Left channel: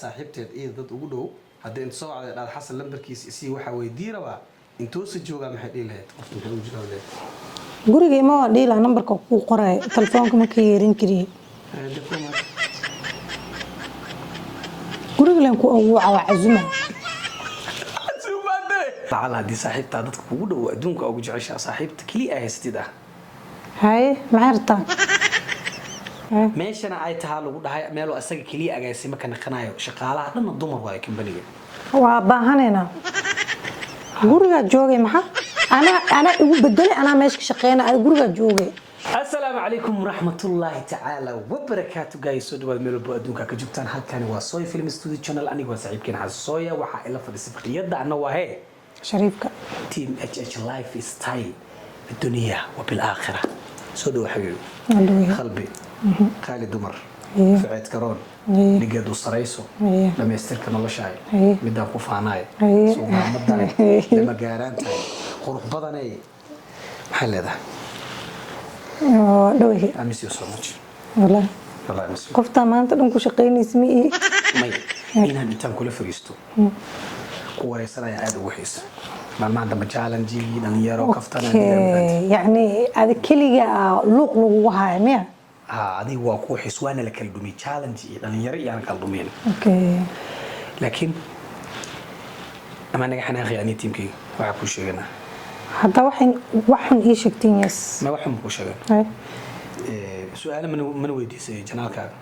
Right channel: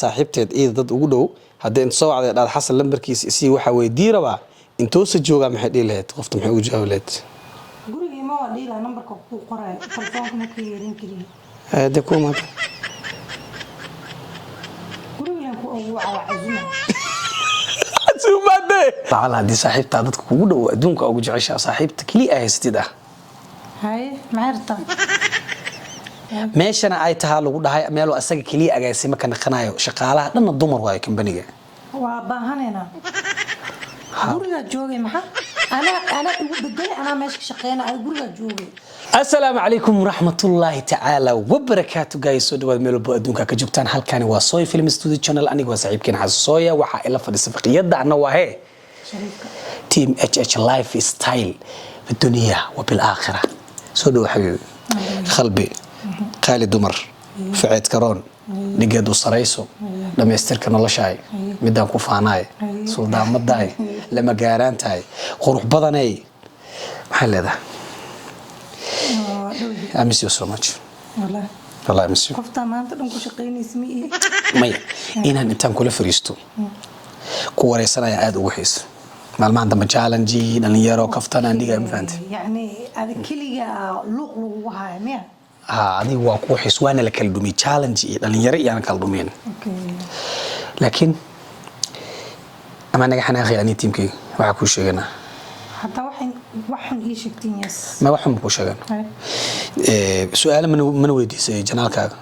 saaxiibteed dad ugu dhow hadii inta soo wacday dhaad xasan lambarkiisa isii waxa weydii rabaa intoo sa jooga maxay dhiilahayd qofta maxay u jawaableed guriga ma waa dhiila nambarka ku qoray telefoonka ma ka yeerin kariye de ku ma guriga leen ku ugu cazuma azumade taala hadii saaxiibta dadka ugu dhow adduunka ugu jecesha saaxiibta kali ah haystida hay maarta meeshana ay tahay lagu dhahay meel asaga kaliya agaasimo ka naqanayo shaqaalaha dhanna dumar waay kambaniga waa baahanayna guriga joogay ana ugu bedel ana meesha shaqeynaa ay guriga joogay assalaamu alaykum warahmatullahi ta'ala wabarakatuh guys soo dhawaad meel walba adduunka ka joogtaan halkani waa Soy Film Studio Channel aniga waa saaxiibkeen Xasooya waxa ila fadhiisa faqiyada ana waa shariifka team HH Lifestyle في الدنيا وبالآخرة سودو حبيبي خلبي قالي دمر فعيد كرون نجد وصريسو لما يسترك الله شاي مدام كوفاناي سودان مداي لما جاران تاي خروج بدني محل هذا I miss you so much والله I miss you كفتا ما أنت بنكو شقين اسمي مي إنها نتام كل فريستو كوري سنة يعاد وحيس ما عندما تشالنجي نليرو كفتنا يعني هذا كلية لوق وها ميا هذه هو كوحس وانا لكالدومي تشالنجي نليرو يعني كالدومين اوكي لكن اما نجح انا اخي اني تيمكي waxa ku sheegana hadda waxan ii sheegtin yes ma waxan ku sheegana su'aal man weydiisay janaalkaaga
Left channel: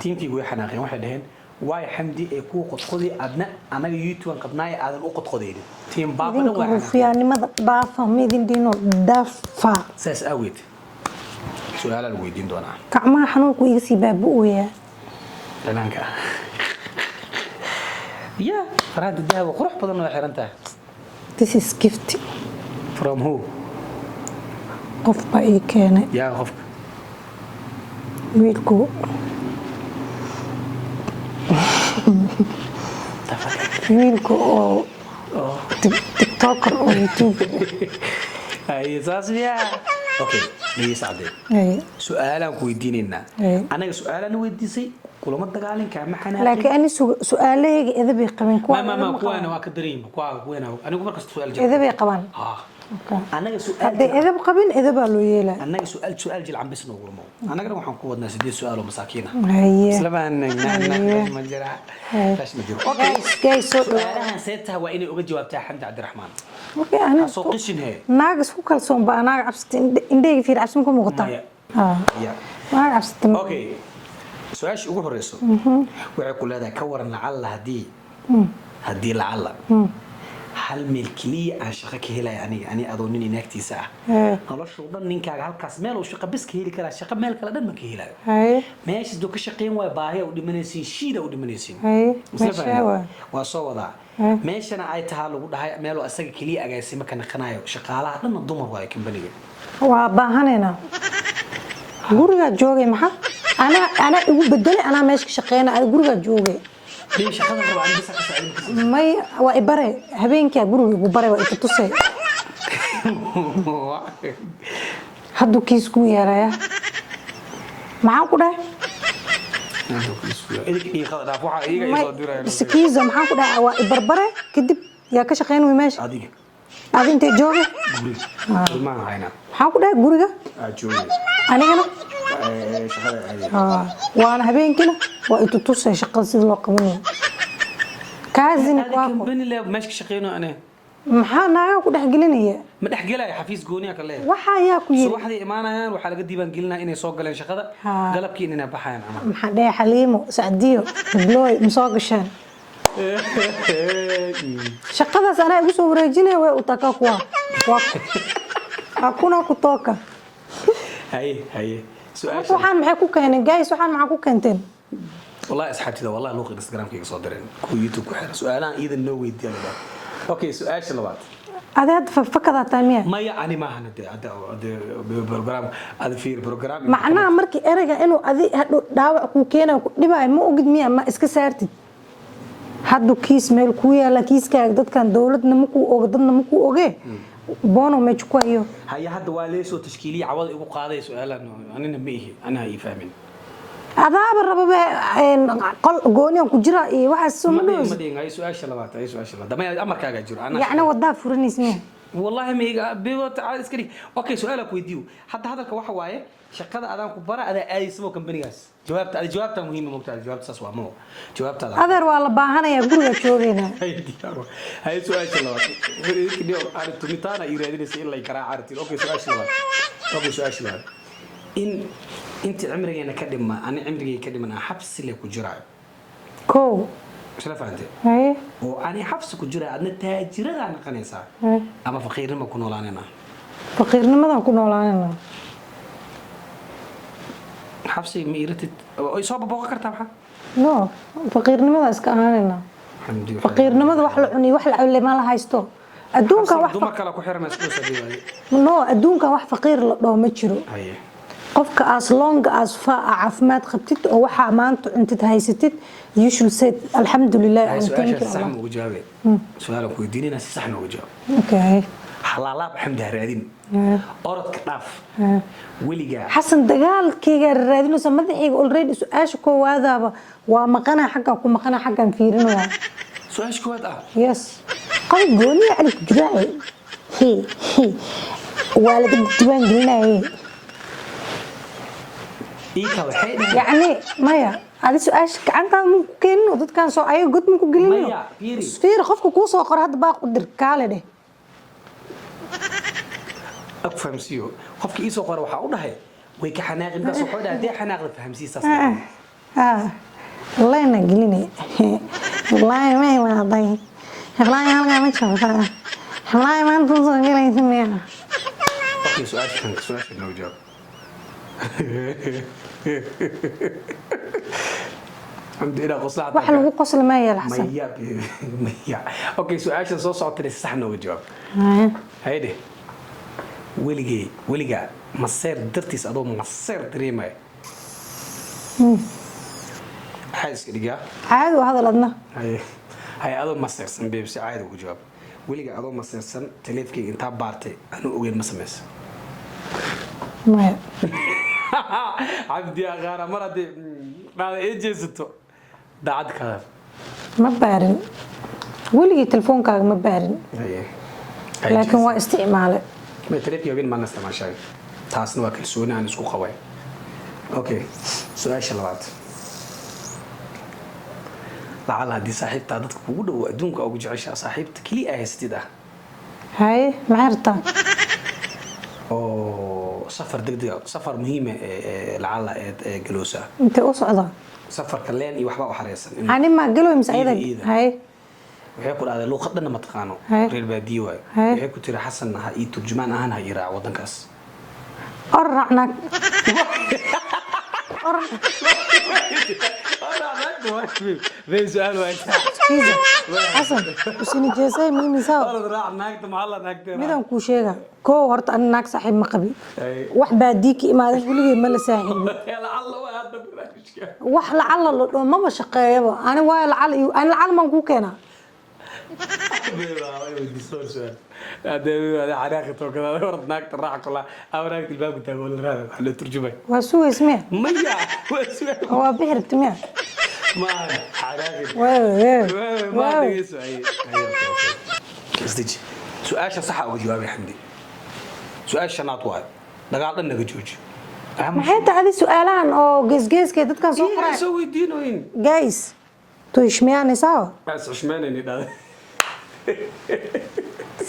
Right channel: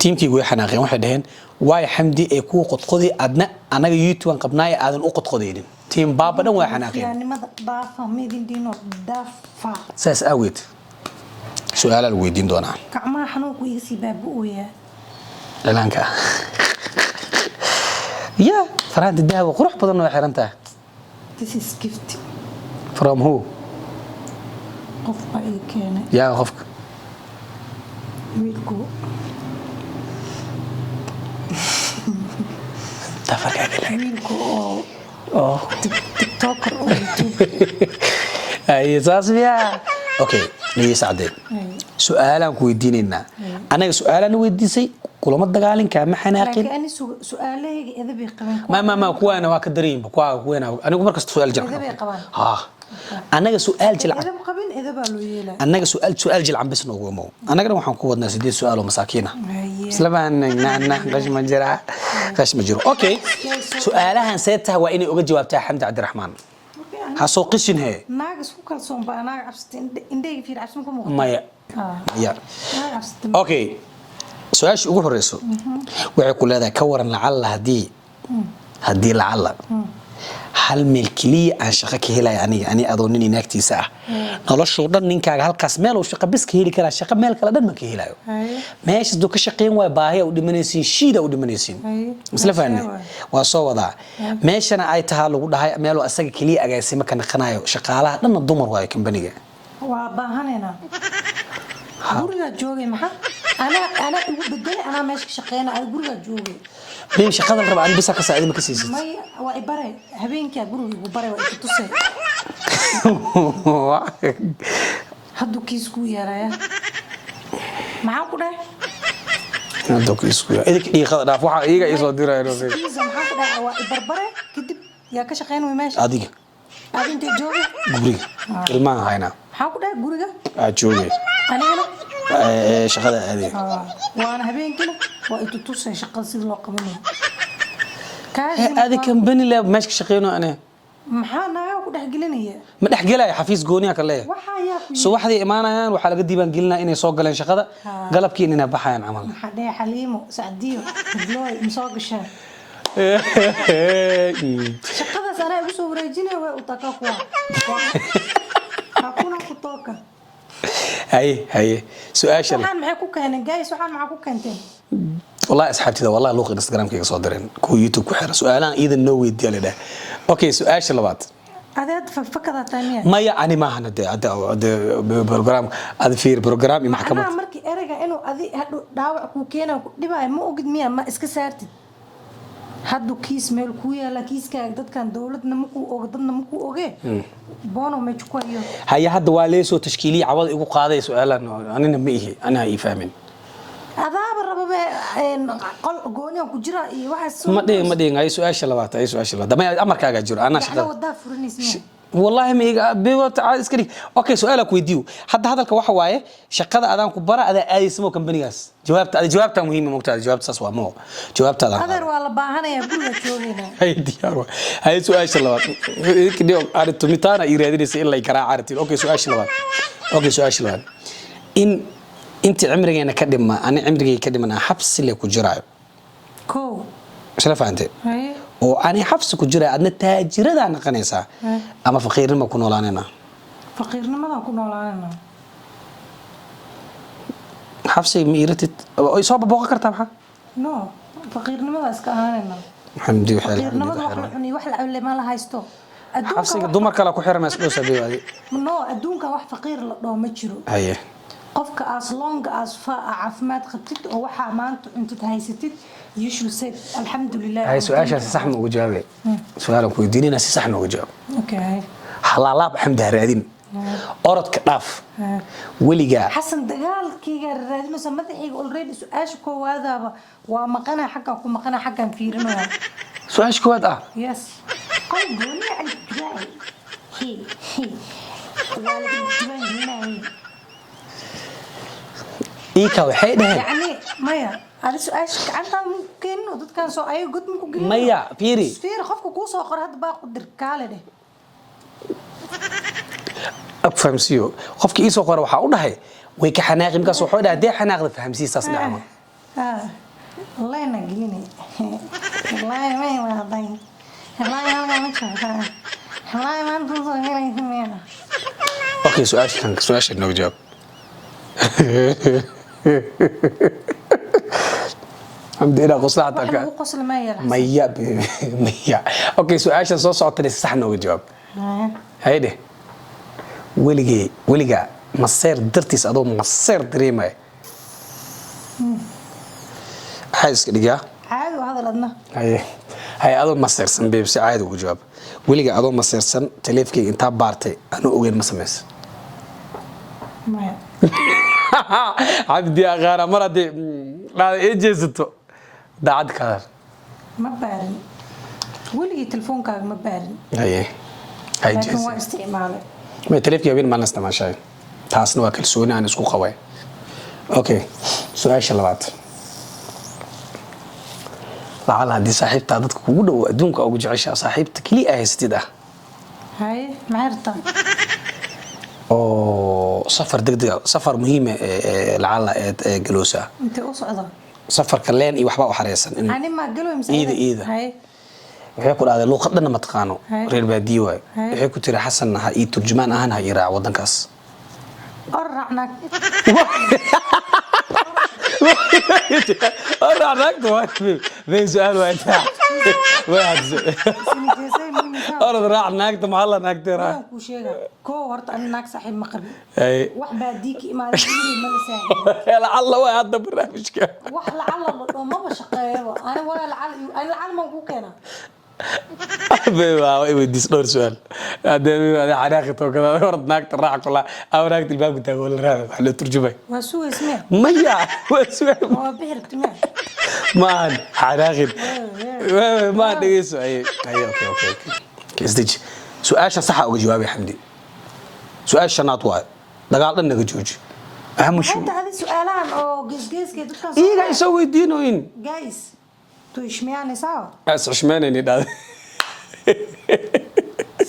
tiimkii way xanaaqeen waxay dhaheen waay xamdi ee ku qodqodi adna anaga YouTube aan qabnaay aadan u qodqodeynin tiim baabadan way xanaaqeen fiyaanimada dhaafa meedin diino dhaafa saas awid su'aal la weydiin doonaa gacmaha xanuunku iga sii baabu'aya ilaanka ya farada dahab qurux badan way xirantaa this is gift from who qof ba ii keenay ya qofka wiilku wiilku oo tiktoker oo YouTube ay saasbiya okay ni saadey su'aalan ku weydiinayna anaga su'aalan weydiisay kulama dagaalinka ma xanaaqin laakiin ani su'aalahayga idab ay qabeen ma kuwana waa ka dareeyay kuwana anigu markas su'aal jilcan idab ay qabaan anaga su'aal jilcan idab qabin idab loo yeelay anaga su'aal jilcan bas noogu mo anaga waxaan ku wadnaa 8 su'aalo masaakiina isla baan bash ma jira bash ma jiro okay su'aalahan seetaha waa inay uga jawaabtaa Xamdi Cabdiraxmaan okay ana soo qishin he naag isku kalsoon baa naag cabsatay indheega fiir cabsan ku muuqata ya naag cabsatay okay su'aasha ugu horeyso waxay ku leedahay ka waran lacala hadii lacala hal meel kaliya aan shaqo ka helay ani adoonin inaagtiisa ah noloshu dhan ninkaaga halkaas meel uu shaqo bis ka heli kara shaqo meel kala dhan ma ka helayo meesha duu ka shaqeyn way baahiya u dhimanaysiin shiida u dhimanaysiin isla fahanay waa soo wadaa meeshana ay tahay lagu dhahay meel asaga kaliya agaasimo ka naqanayo shaqaalaha dhan dumar waay kambaniga waa baahanayna guriga joogay ana ugu bedel ana meesha shaqeynaa ay guriga joogay ليه شقادة ربع أنا بس أقصى عيد مكسس ما وإبرة هبين كي أقول إبرة وإتتصل هادو كيسكو يا رايا معاكو ده هادو كيسكو إذا كي خذ رافوها إيجا يصدر هاي كيزة معاكو ده وإبرة كدب يا كشقين ويماشي أديك أنت جوجي غوري ما هاينا معاكو ده غوريجا جوجي أنا شقادة هذه وأنا هبين كده وإتتصل شقة سيد وقبني كازم هذه كم بني لا ماشي شقينه أنا maxaa ku dhax gelinaya ma dhax gelay xafiis gooniya kale waxa ayaa ku soo waxdii imaanayaan waxa laga diiban gelinaa inay soo galeen shaqada galabkii inay baxayaan amal maxaa dheer xaliimo sacdiyo blooy musoo gashaan shaqadaas ana igu soo wareejinay way u takaa kuwa hakuna ku tooka hay su'aasha waxaan maxay ku keeneen guys waxaan maxaa ku keenteen والله أصحابتي ده والله لوق إنستغرام كي صادرين كو يوتيوب كحرة سؤالان إذا نوي ديالي ده أوكي سؤال شلبات هذا فكرة تانية ما يعني ما هنا ده برنامج هذا في برنامج ما أنا مركي أرجع إنه هذه دعوة كوكينا دبا مو أجد مية ما إسكسرتي هادو كيس ميل كويا لا كيس كأجدد كان دولتنا مكو أجدنا مكو أجي بانو ما تشكويه هي هاد واليسو تشكيلي عوض يقول قاضي سؤالا أنا نبيه أنا هي فاهمين adaaba rababa qol gooni aan ku jira iyo waxaas ما دين أي سؤال شلوات أي سؤال شلوات دم أمرك أجا جرا أنا يعني wadaa furanaysa والله مي بيوت عايز كذي أوكي سؤالك ويديو حتى هذا الكواحد وايه شقة أذان كبرى هذا أي اسمه كمبنياس جوابته مهمة ممتاز جوابت ساسوا مو جوابت هذا adeer waa la baahanaya guriga joogayna هاي ديار هاي سؤال شلوات كده عرفت متانا يريدني سئل لي كرا عرفت أوكي سؤال شلوات أوكي سؤال شلوات إن أنت عمرك أنا كدم أنا عمري كدم أنا حبس اللي كجراء كو شرف أنت هاي وأنا حبس كجراء أنا تاجر ده أنا قنيسة أما فقير ما كنا لاننا faqiirnimadan ku noolaanayna حبسي ميرتت إصابة بوقة كرتها no faqiirnimada iska aanayna الحمد لله faqiirnimada wax la cuni wax la cunay ma la haysto adduunka حبسي wax دمر كلا كحير مسؤول سبيه هذه no adduunka wax faqiir la dhoo ma jiro هاي qofka as long as caafimaad qabtid oo waxa maanta cuntid haysatid you should say alxamdulilah هاي سؤال صح ما وجابه سؤالك ويديني ناس صح ما وجاب okay حلالاب حمد هرادين أرد كلاف وليجا حسن dagaalkayga raadinaysa madaxayga already su'aasha koowaadaba waa maqana xagga ku maqana xaggan fiirinaya سؤال شكوات yes qof gooni عليك جراي هي wala diiwaan gelinay إيكا وحيد يعني maya ali su'aasha gacantaa mu keenno dadkan soo ay god mu ku gelin مايا بيري fiir qofka ku soo qor hadda baa qadir kaale dheh أفهم سيو خفك إيسو قرا وحاول هاي ويك حناقي مكاس وحودا دي حناقي فهم سي ساس نعم والله انا قليني والله ما هي واضي والله انا ما شايفه والله ما انت صغيرة أوكي سؤال شنو نجاوب الحمد لله قصلاتك واحنا هو قصل ما يلحس ميا أوكي سؤال شنو صوت الصح نجاوب هيدي وليجا مصير درتيس أدو مصير دريمة حاجز كده عادي وهذا لدنا هاي أدو مصير سن بيبسي عادي وجواب وليجا أدو مصير سن تليفكي أنت بارتي أنا أوين مسمس ما عبدي أغارة مرة دي لا إيجيزتو ده عاد كار ما بارن ولي تلفونك ما بارن هاي لكن هو استعماله ما تليفكي يبين ما نستمع شيء تحسن واكل سوينا أنا سكو خوي أوكي سؤال شلوات لعل هذه صاحبتي عادتك كودا وأدونك أو جعشة صاحبتك لي أهستي ده هاي معرضة أو سفر دقيقة سفر مهمة لعل جلوسة انت أصعدة سفر كلين إيه وحبا وحريسا أنا ما قالوا مسعيدة إيدا هاي waxay ku dhahday luuqadana ma taqaano reer baadiyo waay waxay ku tiri xasan ha ii turjumaan ahaan ha iraa wadankaas أرعناك ليه سؤال واحد شنو جيسي مين يساوي أرد راح ناقته محل ناقته راح أنا كوشيغا كو هرت أنا ناك صاحب مقبي أي wax baa diiki imaaday wiligeed ma la saaxiibin لعل waa hadda barnaamijka wax lacala la dhoo maba shaqeeyaba ani waa lacala man ku keenaa waa weydiis dhowr su'aal hadda xanaaqito kala orad naagta raac kula aw naagta albaabka taago la raad wax la turjumay waa sugaysmee maya waa su'aal waa bixir timaa maan xanaaqid ما dhageyso ay isdij su'aasha sax ah oo jawaabay xamdi su'aasha shanaad waa dagaal dhan naga jooji aham maxay tahay su'aalahan oo geesgeeska dadkan soo iyaga soo weydiinooyin guys تو ishmiyaanaysaa as xushmeynayni dhaad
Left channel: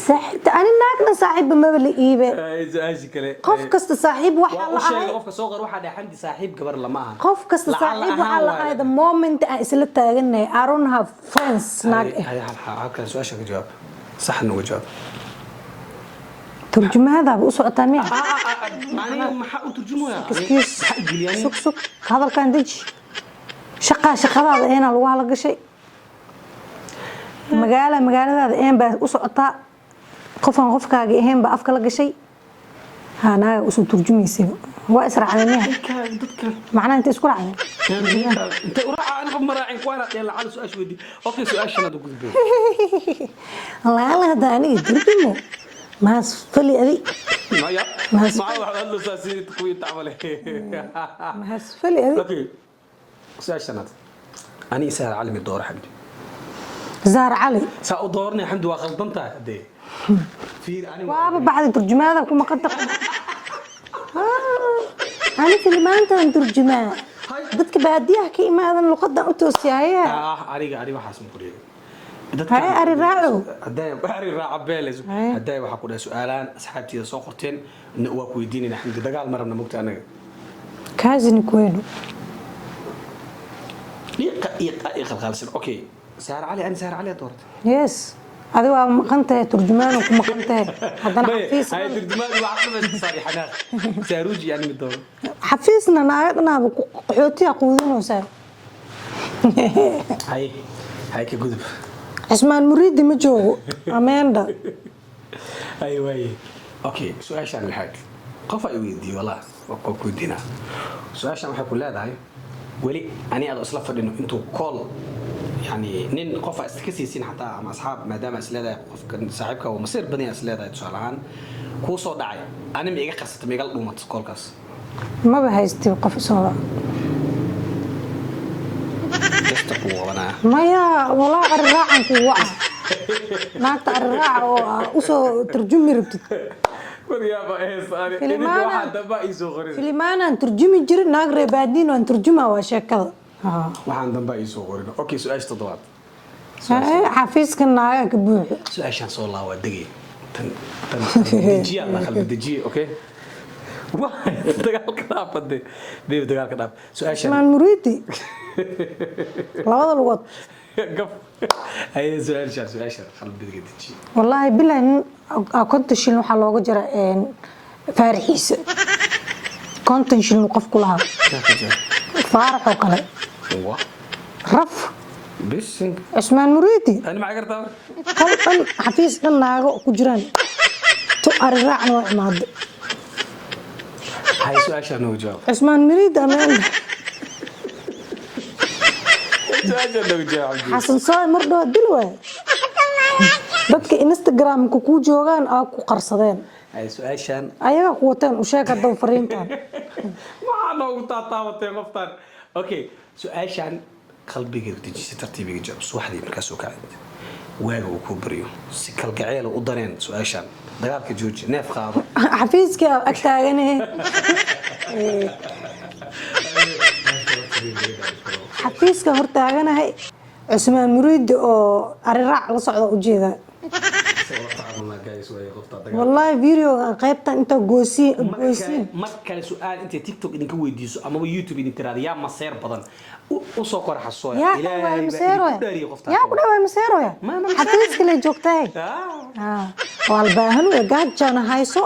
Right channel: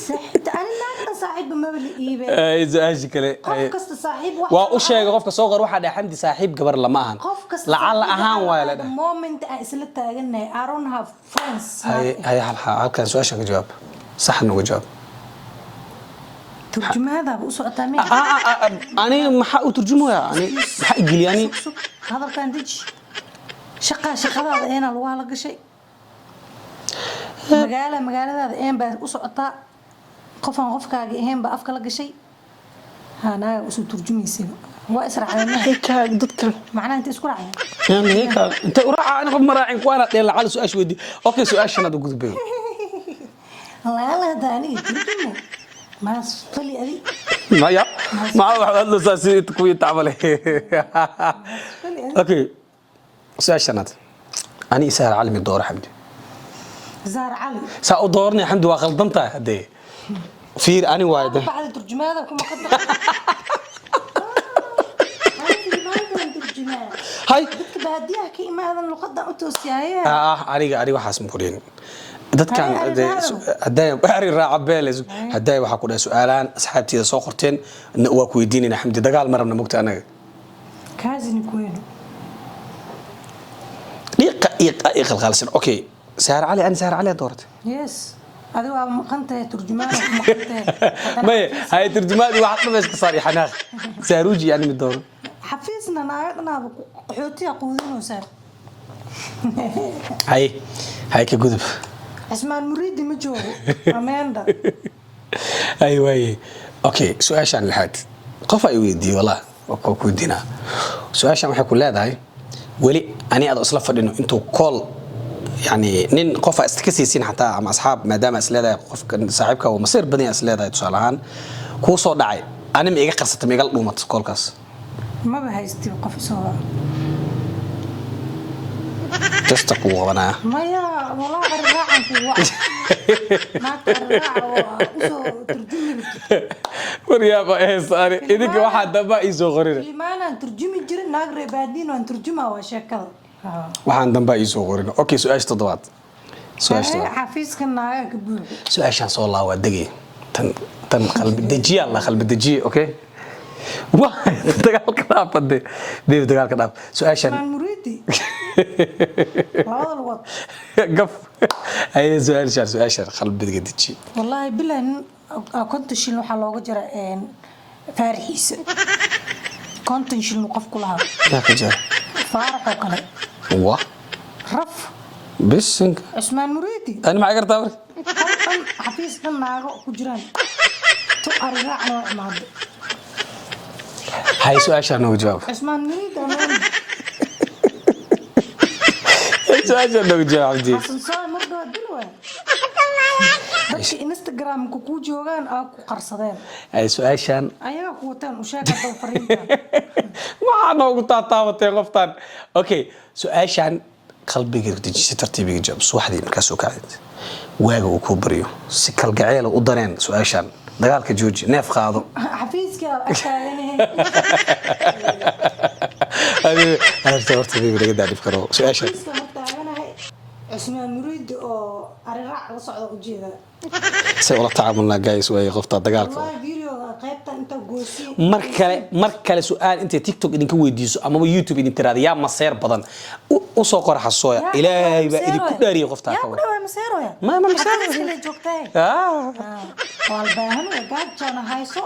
صاحب أنا ما صاحب ما بلي إيبه ay su'aashi kale قف كست صاحب واحد waa u sheegay qofka soo qor waxa dhahay xamdi saaxiib gabar lama ahan قف كست lacala صاحب ahaan واحد the moment isla taaganay I don't have friends هاي halkan su'aasha ka jawaab sax nagu jawaab ترجمة هذا بقص عطامي أنا ما حق ترجمه حق يعني سك سك هذا كان دج شقة هذا هنا الوها لقى شيء مقالة هذا إيه بقص عطا قف كاجي إيه بأفكار لقى شيء هنا وسو ترجمي يصير هو أسرع على ضدك معناه أنت اسكت عني أنت وراء أنا قم راعي كوانا يلا على سؤال شو ودي أوكي سؤال شنو تقول بيه الله هذا أنا ترجمه ما صلي أذي ما يا ما هو هذا ساسي تكوي تعمله صلي أذي أوكي سؤال شنات أنا يسهل علمي الدور حمدي زهر علي سأدورني حمدي وغلطنتها هدي في أنا وايد بعد ترجمة كم قد أنا كلمات ترجمة هاي بدك بعدي أحكي ما هذا اللغة أنت وسيايا أري waxaas ma qoreen dadkan ari raaca beeles haday waxa ku dhahay su'aalaan asxaabtiida soo qorteen waa ku weydiinayna xamdi dagaal marabna mugta anaga كازن كوينو دقيقة خالصين اوكي سهر علي انا سهر علي دورت يس هذا هو مقنته ترجمان ومقنته هاي ترجماني واحد بس صار حناق ساروجي يعني من الدور حفيزنا ناقنا قحوتي قودين وسال هاي كجذب اسمان مريد ما جوجو اماندا ايوه اوكي سؤال شان الحاد قف اي ويدي والله وكودينا سؤال شان waxay ku leedahay wali ani aad isla fadhino intuu call يعني نين قف استكسيسين حتى مع اصحاب ما دام اسلاده قف صاحبك ومصير بدني اسلاده تصالحان كو سو دحاي انا ما iga qarsatay ma iga dhuumat kolkaas ما بهاystay qof soo تستقوا وانا ما يا والله الراعن كوا ما ترجع وسو ترجمي رتي وريابا ايه صار idinka waxa daba ii soo qorin كلمانا ترجمي جير ناق reebadin oo turjuma waa sheekada waxaan damba ii soo qorin okay su'aash toddobaad xafiiska naaga ka buuxo su'aashan soo laa waa dagay tan qalbi dejiya ma qalbi dejiya okay waa dagaalka dhaafade dagaalka dhaaf su'aashan man muridi labada lugood قف هاي سؤال قلب دجي والله بالله كنت شيل waxa looga jira faarixiisa كنت شيل qof kulaha ما كجا فارق kale wa raf بس عثمان مريدي انا ما قرت امر قلب حفيز naago ku jiraan to arraac ma maad هاي سؤال شنو جواب عثمان مريدي amaan سؤال شنو جواب عندي حسن صاي مرضى دلوه dadka Instagram ku joogan aa ku qarsadeen هاي سؤال شان ayaga ku wataan u sheeka doo fariintan ما انا قلت تاوتين قفتان اوكي سؤال شان قلبي دجي ترتيبي جواب واحد markaas oo kacad waaga uu ku bariyo si kal gacayl u dareen sؤال شان dagaalka jooji neef qaado xafiiska agtaaganay أنا ارتبطت بيه ولا قاعد أفكره سؤال شيء xafiiska hortaaganahay عثمان مريدي oo arirac la socda u jeeda سأقول تعاملنا جايز ويا قفطة دقائق والله فيديو قيبتا انت غوسي مركله سؤال انت تيك توك idinka weydiiso ama YouTube idin tiraada yaa maseer badan u soo qor xasooya ilaahay ba idinku dhaariyo qofta yaa ku dhawaay maseeroya ma xafiiska la joogtay walbaahan way gaajana hayso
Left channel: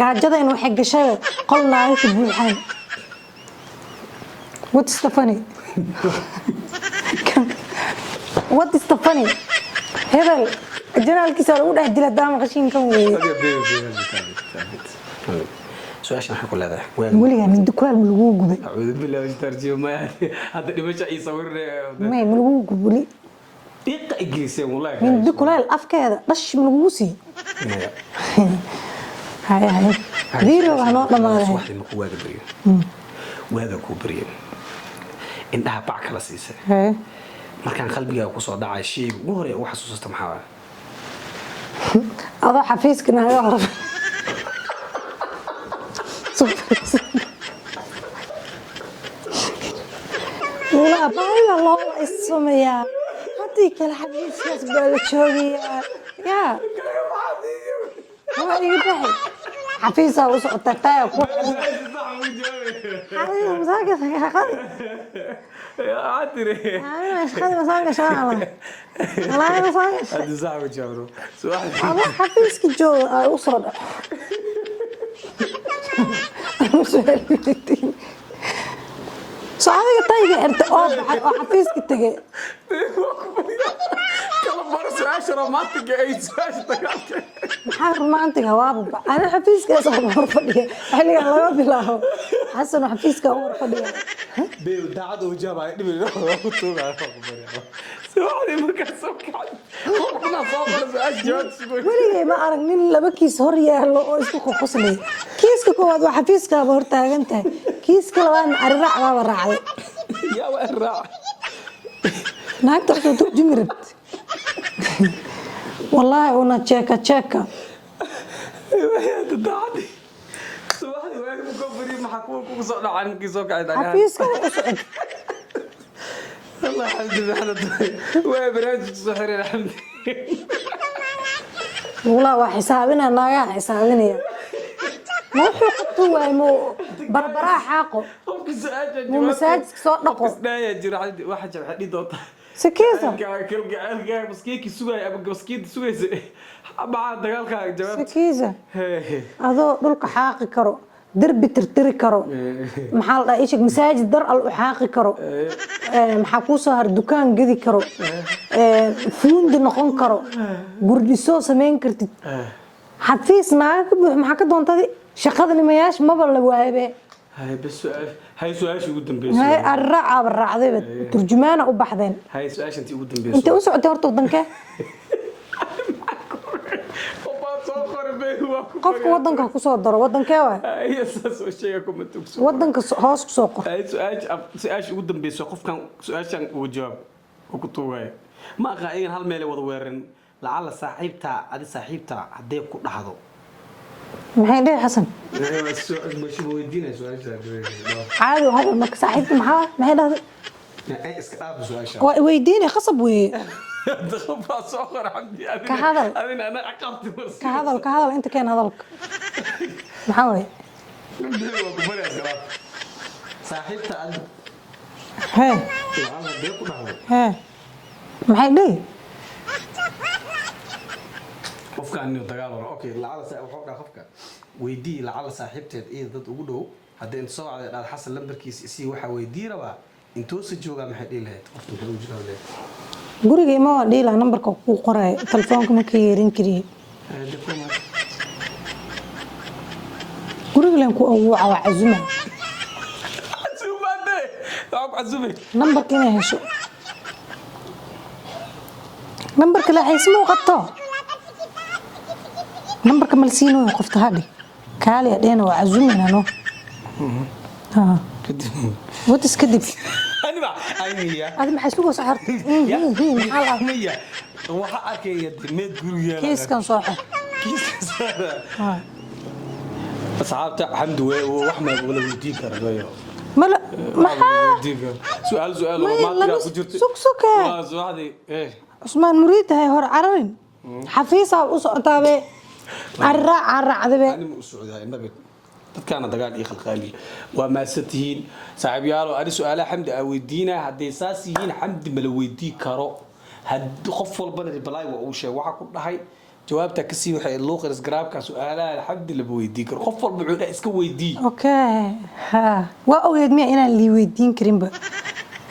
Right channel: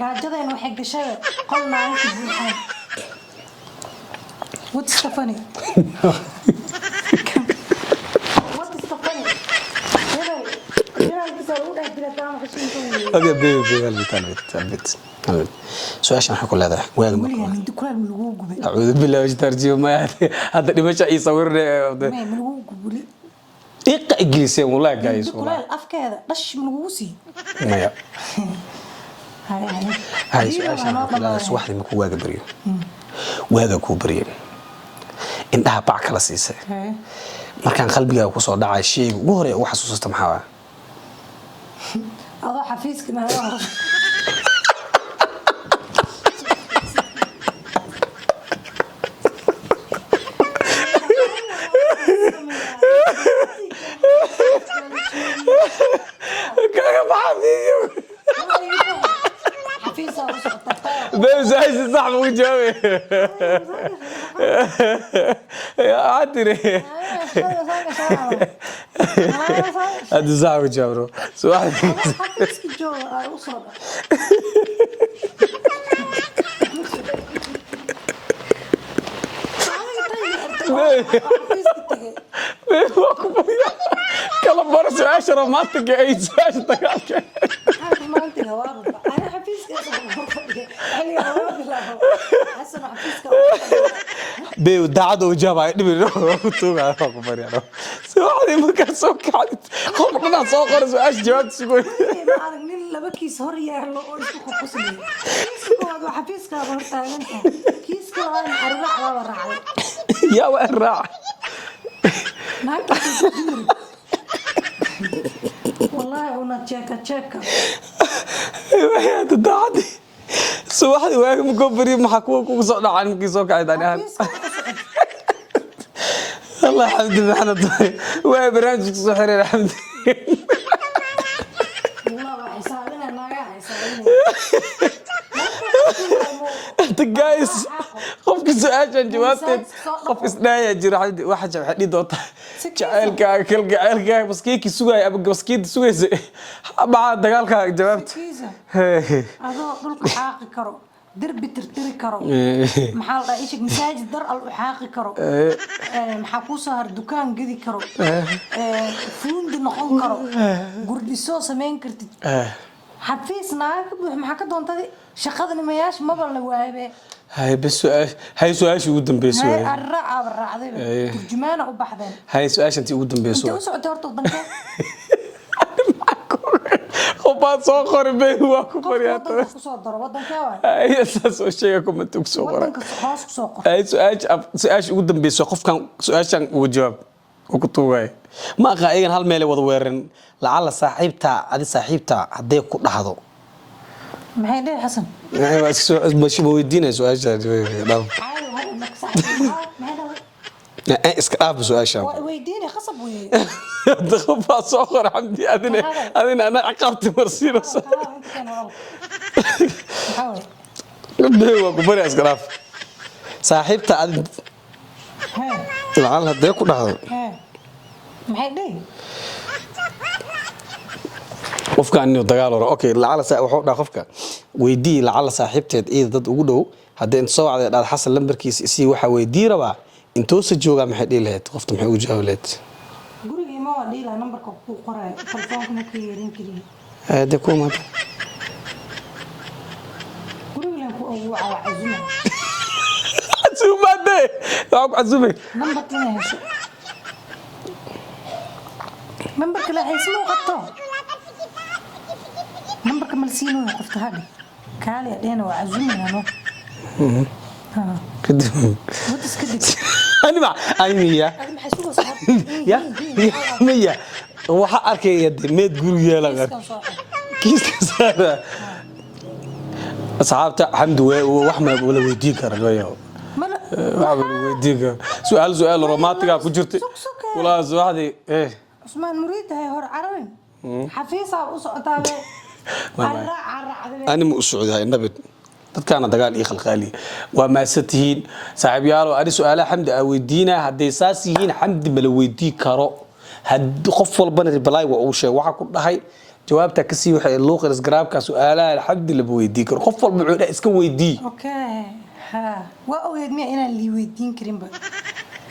gaajadeen waxay gashay qolnaa ku buuxay what's the funny what is the funny hebel جنالكيس lagu dhex dila daama qashinkan weey سؤال waxaa ku leedahay waliga mid kulaal lagu gubay أعوذ بالله وش ترجمة هذا دمشق يصور ما lagu gubli إيه إنجليزي والله جايز mid kulaal afkeeda dhash lagu sii ما هاي فيديو أنا بس واحد من واجا بريء واجا كوبريء إنها باع كلا سيسة markaan qalbiga ku soo dhacay shay ugu hore oo xasuusta maxaa aba xafiiskana ayaa hor لا بايلا الله اسميا هذيك الحديث بالشويه كاغا بحديو حفيظه وسقطتها بس عايز صح وجهي يا عادري هذا صح وجهه سؤال حفيظك جو أسرة صعيدة طيب حفيظك تجي كلا برس 10 ما تجي أي سؤال حاضر ما أنت جواب أنا حفيظك يا صاحبي مرفضي أنا جواب لا حسن حفيظك أول خدمة بيو دعادو وجابها نبي نروح تونا خبر يا رب سؤالي ما كان سوق حد خلنا نسوق سؤال جواب سكون ما أعرف مين اللي بكيس هريا لو إيش خصني كيس كواد وحفيظك هرتاج أنت كيس كواد أربع ما راعي يا وين راح naagta soo jimrid wallahi una cheeka يا تدعدي سو واحد واقف مكبرين محكوك وصعد عنك يسوق عيد انا الله الحمد لله احنا وبرنامج سحر الحمد والله وحسابنا ناقا حسابنا جايز قفك سؤال جوابك قفك سنايا جرا واحد حدي دوتا كلك بس كيكي سوغاي ابو بس كيد سوغاي مع دغالكا جوابت سكيزه adoo dhulka xaaqi karo darbi tirtiri karo maxaa la isha masaajid dar al xaaqi karo maxaa ku soo har dukaan gadi karo fuundi noqon karo gurdiso sameyn kartid xafiis naag maxaa ka doontay shaqadani mayash maba la waabe هاي سؤال شو قدام بيسوي الرعب الرعدي ترجمانه u baxdeen هاي سؤال انت قدام بيسوي انت u socotay horta wadanka وبعد صخر بيه wadanka ku soo daro wadanka waa هي اساس شيء كم تكسو wadanka hoos ku soo qor هاي سؤال شو قدام بيسوي قف كان سؤال شان وجواب وكتوغاي ما قايغن هل ميل wada weeran lacala saaxiibta adi saaxiibta haday ku dhaxdo maxay dheh xasan مش بودينا سؤال عادي هذا ما ساعدت معاه ما هذا اسك داف سؤال شان ويديني خصب وي دخل صخر حمدي انا عقبت مرسي هذا انت كان هذا محاول بدي وكبر اسك داف صاحبته اد ها لعل هدي ku dhaxdo ها maxay dheh qofka aan dagaal hore okay lacala wuxuu dhaa qofka weydii lacala saaxiibteed ee dad ugu dhow hadii inta soo wacday dhaad xasan lambarkiisa si waxa weydii raba intoo sa jooga maxay dhilayd qofta maxay ugu jawaableed guriga ma waa dhila nambarka ku qoray telefoonka ma ka yeerin kariye hada kuma guriga leen ku ugu cazuma عزومه عزومه nambarka ma hesho nambarka la xismo qabto nambarka malsiino qofta hadi kaali adeena waa cazumina no كده وتس كده انا مع ايميا هذا ما حسوق صحر يا مية waxa arkay meed gurigeela كيس كان صاحب كيس صار اصحابته حمد واحمد ولا ويدي كرغايو ملا ويدي سؤال رومانتيكا ku jirtay ولا واحد ايه عثمان مريد هاي هور عربين حفيصه u socotaabe أنا مو سعودي النبي dadkaana dagaal iyo khalqaali waa maasatihiin saaxiibayaal oo su'aala xamdi aweydiina haday saas yihiin xamdi ma la weydii karo had qof walbana reply waa uu sheeg waxa ku dhahay jawaabta ka sii waxay luuqad isgaraabka su'aalaha xamdi la weydii karo qof walba wuxuu iska weydii okay ha waa ogeed ma inaan li weydiin karin ba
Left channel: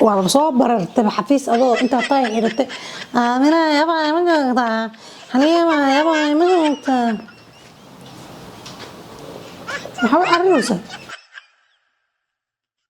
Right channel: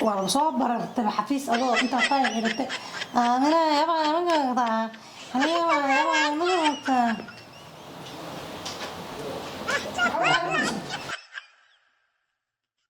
waa soo barartay xafiis adoo inta taay xirtay amina yaba ma gagda haniya yaba ma gagda how are you